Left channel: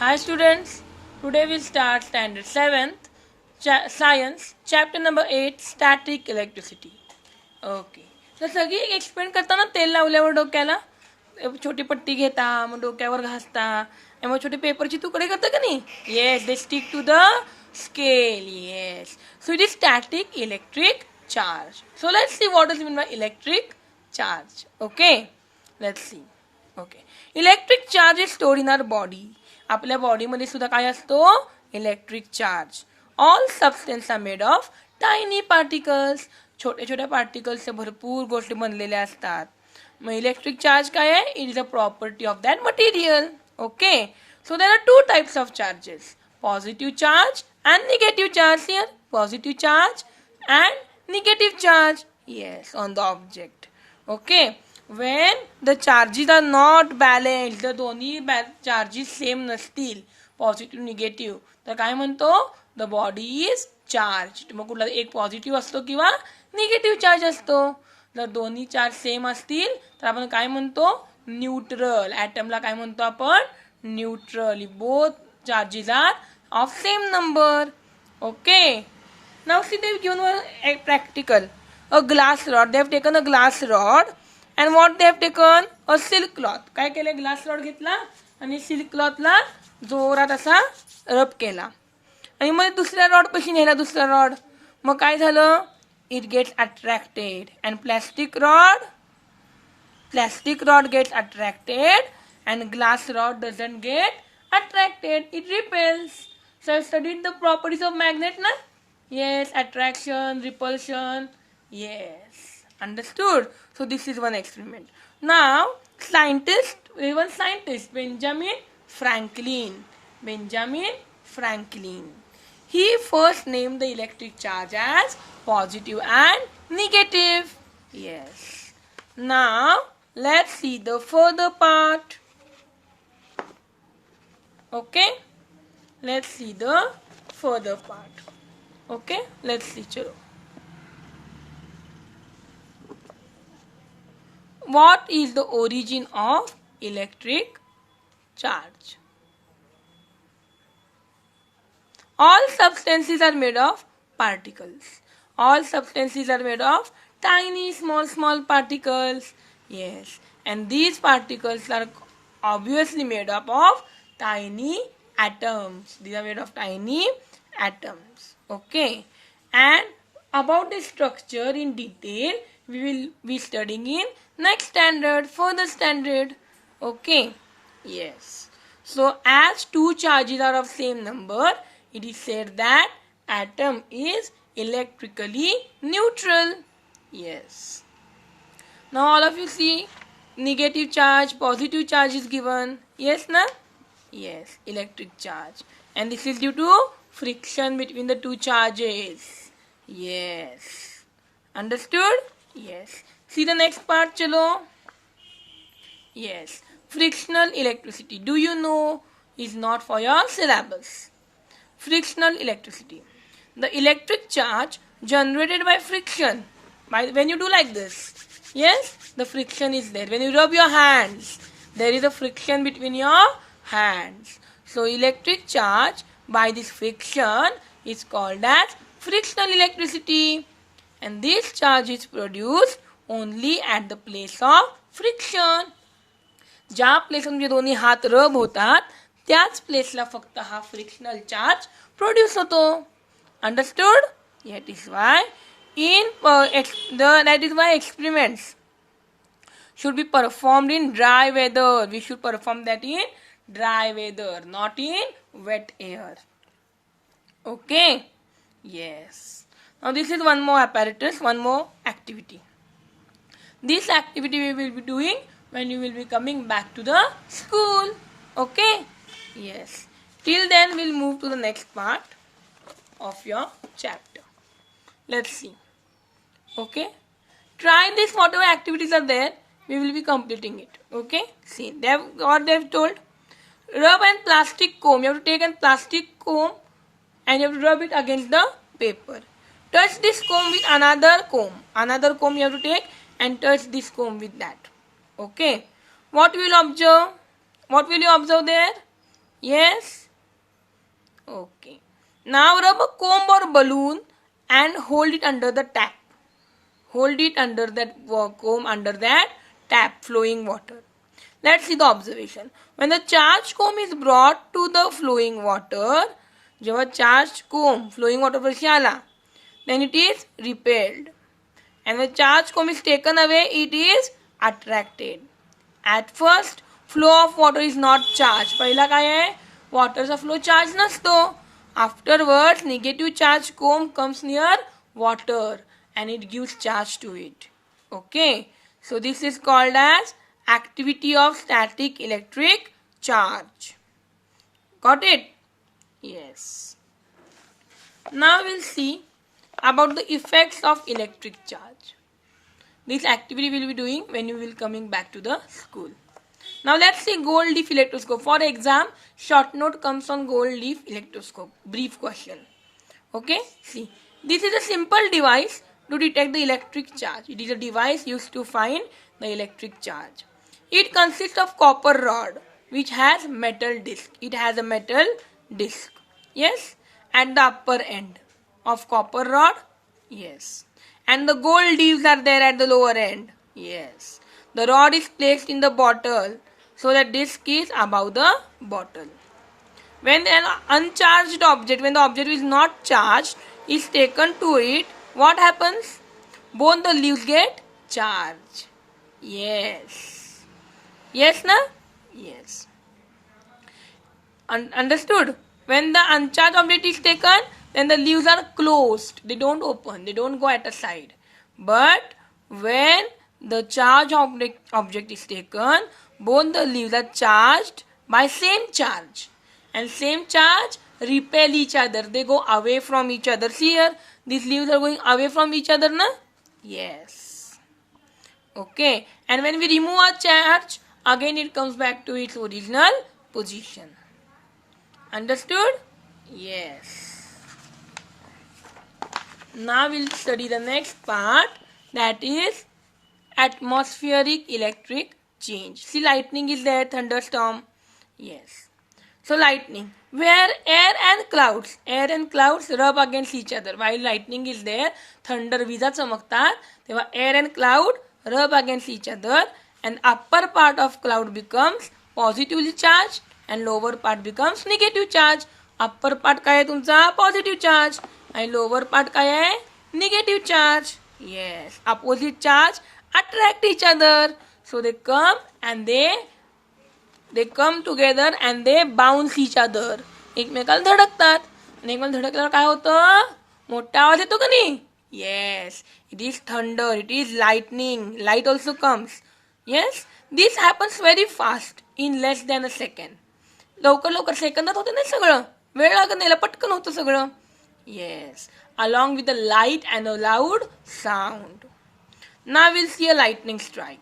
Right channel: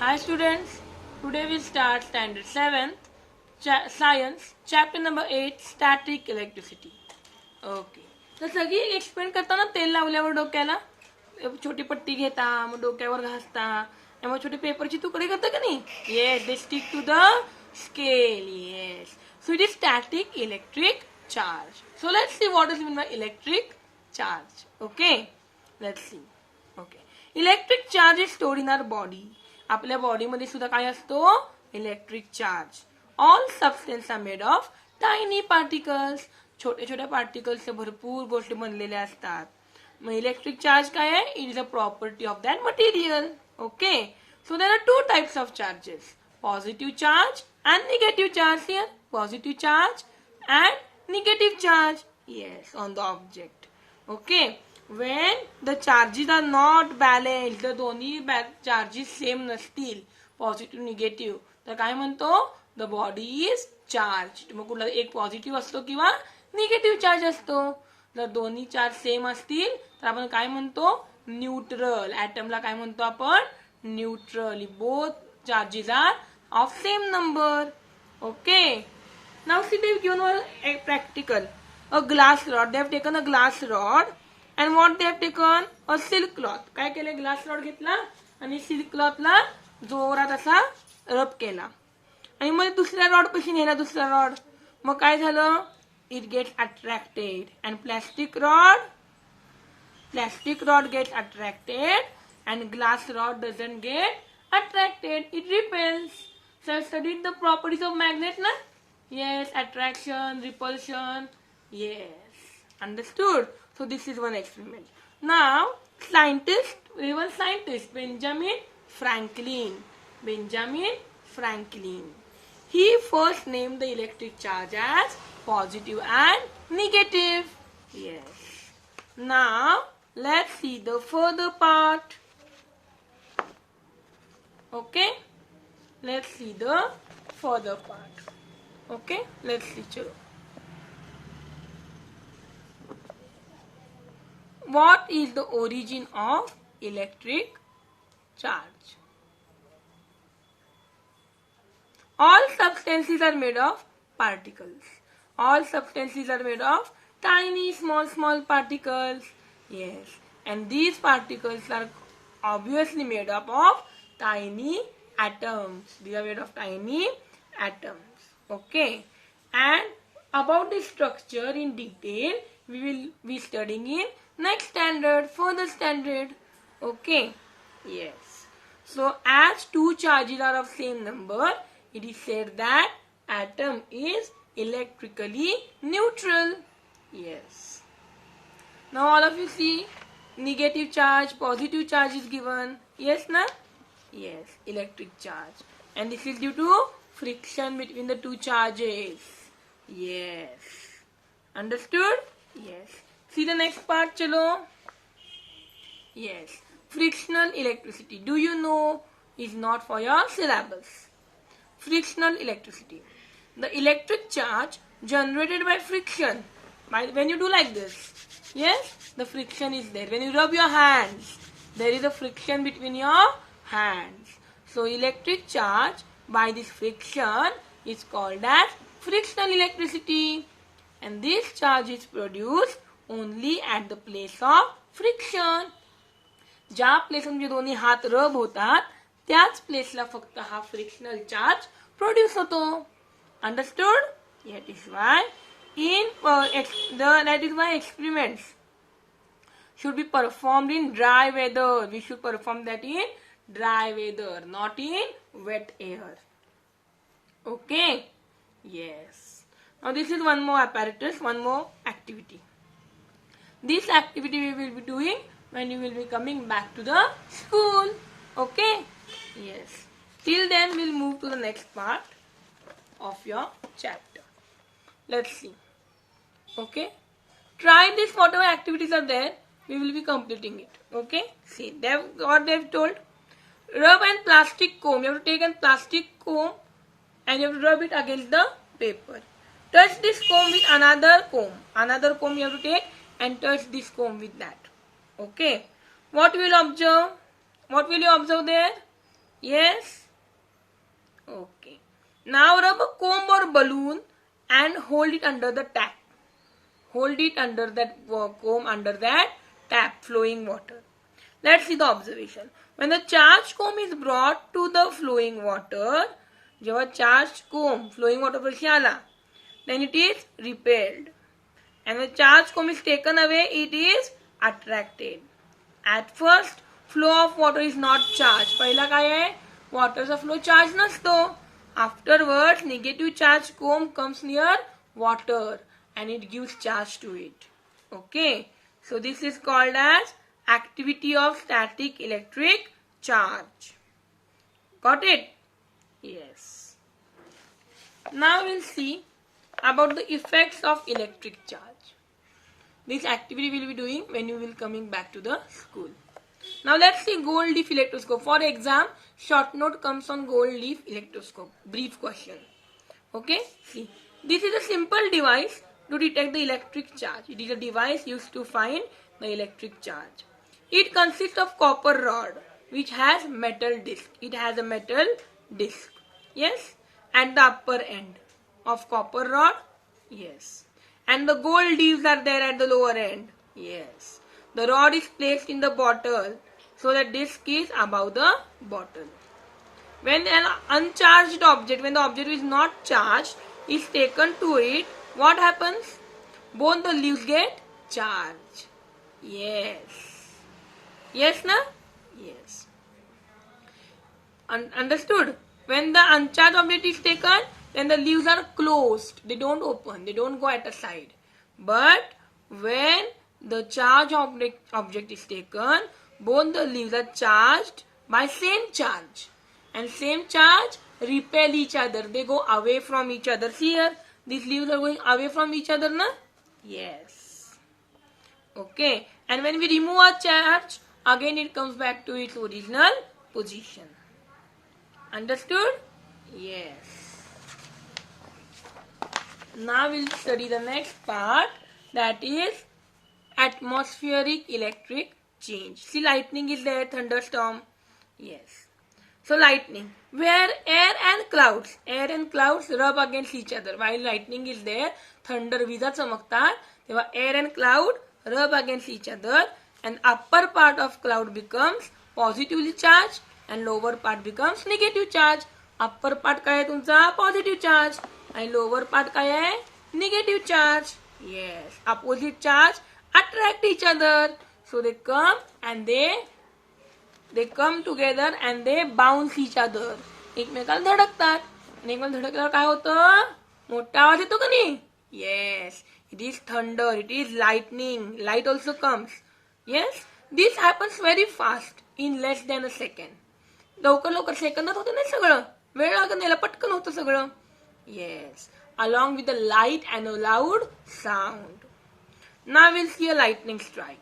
Hi students, today we'll start standard 7th science chapter number 8 static electricity. Okay तर सगळी explain करताना तेल लावल्यावर डोक्याला छोटी पट्टी घेता मग डोक्यावर घासता मग छोटे पेपरची तुकडे करता का नाही. Yes they stick to the scale. Yes so it is static electric charge. So let's see what is mean by electric charge. Okay let's see. Okay electric charge is stored in our body. आपल्या बॉडीमध्ये सुद्धा काय असतो electric charge. All substance are made of tiny particles. छोट्या छोट्या पार्टिकल्सच्या भरपूर गोष्टी बनलेल्या असतात. मग इलेक्ट्रिक चार्ज काय आहे it is a property of that material. Okay so there are two types of charges positive charge and negative charge. Here positive charge and negative charge. Yes on the object. Okay when the charges are not balanced, the दोन्ही charges same नसतील positive negative तर काय म्हणतो the body is charge. मग कुठला एक positive असतो किंवा निगेटिव्ह चार्ज असतो. जर दोन्ही चार्ज सेम असतील तर आपण काय म्हणतो न्यूट्रल. ॲटमला काय म्हणतो आपण neutral. Both charges are of same number. Okay now see they given one practical. A glass rod. They have taken a glass rod and what they have taken a silk cloth. काय केलं glass rod घेतला आणि silk क्लॉथला जोरात असा रब केला आणि मग दुसऱ्या रॉड पाशी नेला दुसरा रॉड. मग काय झालं it gets attracted and plastic rod gets attracted and glass rod doesn't get attracted. It repels. So I studied the properties of magnet ना. Yes, attraction, repulsion. Yes, understood. So this is one experiment. Now one scientist Benjamin Franklin, he first named the electric charge as positive and negative. Yes. Now let's see the further part. Okay, let's see the further part. Okay, let's see. Chalo. What is the origin of electric charge? All substances are made of particles. All substances are made of tiny small particles. Yes, and these particles are obviously made up of tiny atoms. These are made of tiny atoms. Okay, and about the structure in detail we will be studying in next standard, further standard. Okay, yes. So as two charges are of same number, it is said that atom is electrically neutral. Yes. Now all of you see negative charge, positive charge is given. Yes, na? Yes, electric charge. And this is due to friction between the two charges. Yes. Understood? Yes. See the next part, chalo. Yes, frictional electricity. Do you know is not for your syllabus. Frictional electricity. The electric charge generated by friction. When you do like this, yes, the friction is there. When you rub your hands, there is a friction between your hands. So electric charge by this friction is called as frictional electricity. And this charge is produced only at the place of friction. ज्या place तुमचे दोन्ही हात रब होतात त्याच प्लेसला फक्त हा frictional charge produce होतो. Understood. That is why experiments should be performed in dry weather. We should perform that in dry weather, not in wet air. Okay. Yes. Now this is one more apparatus, one more activity. This activity we will be doing when you will be coming back to the school. Okay? Yes. Till then we'll move to the next part of your chapter. Let's see. Okay? Try this, whatever activities are there, we will be completing it. Okay? See, what they have told. Rub a plastic comb. You have to take a plastic comb and you have to rub it against the paper. Touch this comb with another comb. Another comb you have to take and touch this comb with that. Okay. What will you observe? What will you observe there? Yes? Okay. Now rub a comb or balloon and hold it under the tap. Hold it under that comb, under that tap, flowing water. Let's see the observation. When the charged comb is brought to the flowing water, जेव्हा charged comb flowing water पाशी आला, then it is repelled. And when the charged comb is taken away, it is attracted. At first, flow of water is not charged. पहिला काय आहे? Waterचा flow charge नसतो. Afterwards, negative charge comb comes near water and it gives charge to it. Okay. So this is called as activity of static electric charge. Got it? Yes. Now we'll see about the effects of electric charge. This activity we will be doing when you will coming back to the school. Now let's see gold leaf electroscope. For exam, short note comes on gold leaf electroscope. Brief question. Okay, see. This is a simple device to detect the electric charge. It is a device used to find the electric charge. It consists of copper rod which has metal disc. It has a metal disc. Yes, at the upper end of copper rod. Yes. And the gold leaves are there at the lower end. Yes. The rod is placed in the bottle so that disc is above the bottle. When an uncharged object, when the object is not charged, is taken to it, what happens? Both the leaves get charged. Yes. Yes, na? Yes. Understood? When the uncharged object is taken, then the leaves are closed. They don't open. They don't go at the side. But when the charged object is taken, both the leaves are charged by same charge. And same charge repel each other. They go away from each other. See here, these leaves are going away from each other, na? Yes. Okay. And when we remove a charge, again it comes back to its original position. Understood? Yes. Now we'll study the next part, that is atmospheric electric change. See, lightning is there, thunderstorm. Yes. So lightning, where air and clouds rub against each other. While lightning is there, thunder विजा चमकतात, तेव्हा air and cloud rub against each other, and upper part of cloud becomes positively charged and lower part becomes negative charge. Upper part काय आहे तुमचा? Positive charge. And lower part काय आहे? Negative charge. Yes. Opposite charge attract each other. So they come and they come together and they bounce each other. एकमेकाला धडकतात. आणि एकमेकाला धडकल्यावर काय होतं? मोठा आवाज येतो का नाही? Yes. It is thunder. It is lightning. Light also comes. Yes. This happens very fast in less than a second. लवकर सेकंदात होते नाही सगळं. वेळ लागत नाही, पटकन होतं सगळं. Yes. Along with the light and a loud sound. Now we'll see a lightning strike.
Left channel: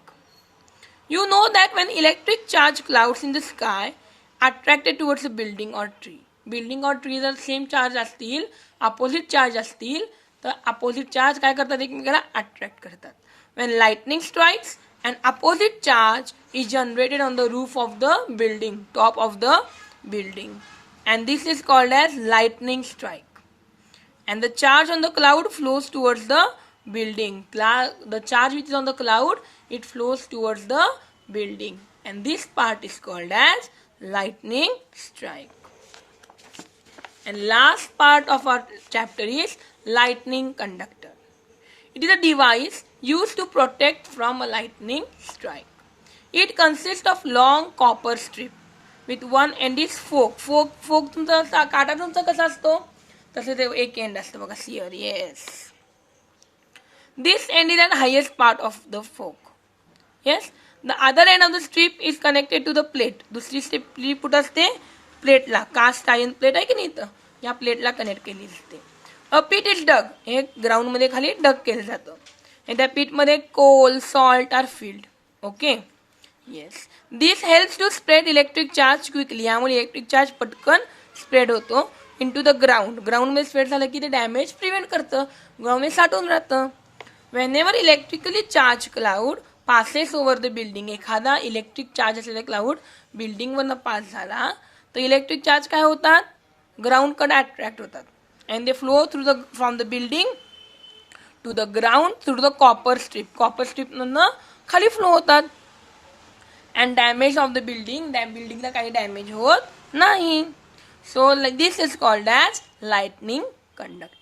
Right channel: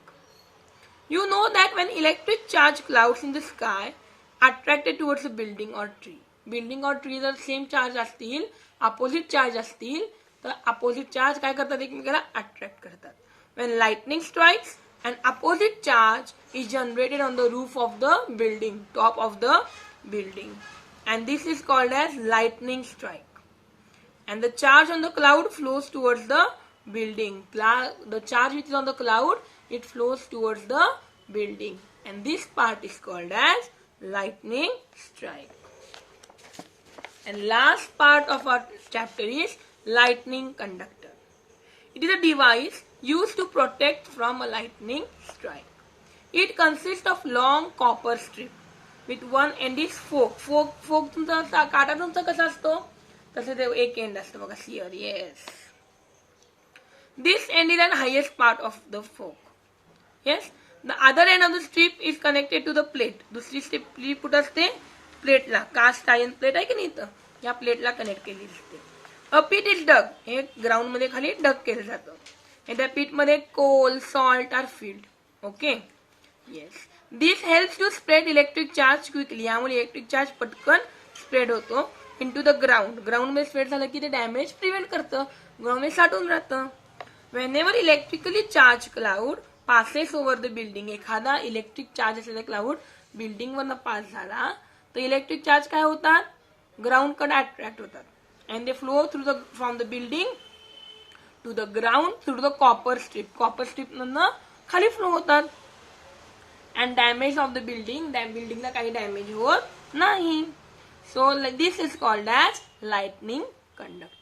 You know that when electric charge clouds in the sky attracted towards a building or tree. Building or tree जर same charge असतील, opposite charge असतील, तर opposite charge काय करतात? एकमेकाला attract करतात. When lightning strikes, an opposite charge is generated on the roof of the building, top of the building. And this is called as lightning strike. And the charge on the cloud flows towards the building. The charge which is on the cloud, it flows towards the building. And this part is called as lightning strike. And last part of our chapter is lightning conductor. It is a device used to protect from a lightning strike. It consists of long copper strip with one end is fork. Fork तुमचा काटा तुमचा कसा असतो? तसे ते एक end असतं बघा, sear. Yes. This end is the highest part of the fork. Yes. The other end of the strip is connected to the plate. दुसरी strip कुठं असते? प्लेटला. कास्ट आयर्न प्लेट आहे की नाही इथं? या प्लेटला कनेक्ट केली असते. A pit is dug. हे ग्राउंड मध्ये खाली डग केलं जातं. आणि त्या pit मध्ये coal, salt are filled. Okay. Yes. This helps to spread electric charge quickly. यामुळे इलेक्ट्रिक चार्ज पटकन स्प्रेड होतो into the ground. ग्राउंड मध्ये स्प्रेड झालं की ते डॅमेज प्रिव्हेंट करतं. ग्राउंड मध्ये साठून राहतं. Whenever electrically charged cloud passes over the building, एखादा इलेक्ट्रिक चार्ज असलेला क्लाउड बिल्डिंग वरनं पास झाला तर इलेक्ट्रिक चार्ज काय होतात, ग्राउंडकडे अट्रॅक्ट होतात and they flow through from the building to the ground through the copper स्ट्रीपमधनं खाली फ्लो होतात अँड डॅमेज ऑफ द बिल्डिंगला काही डॅमेज होत नाही. So this is called as lightning conductor.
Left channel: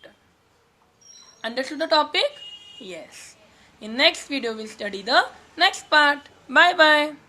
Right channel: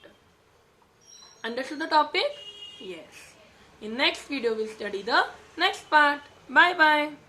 Understood the topic? Yes. In next video we'll study the next part. Bye bye.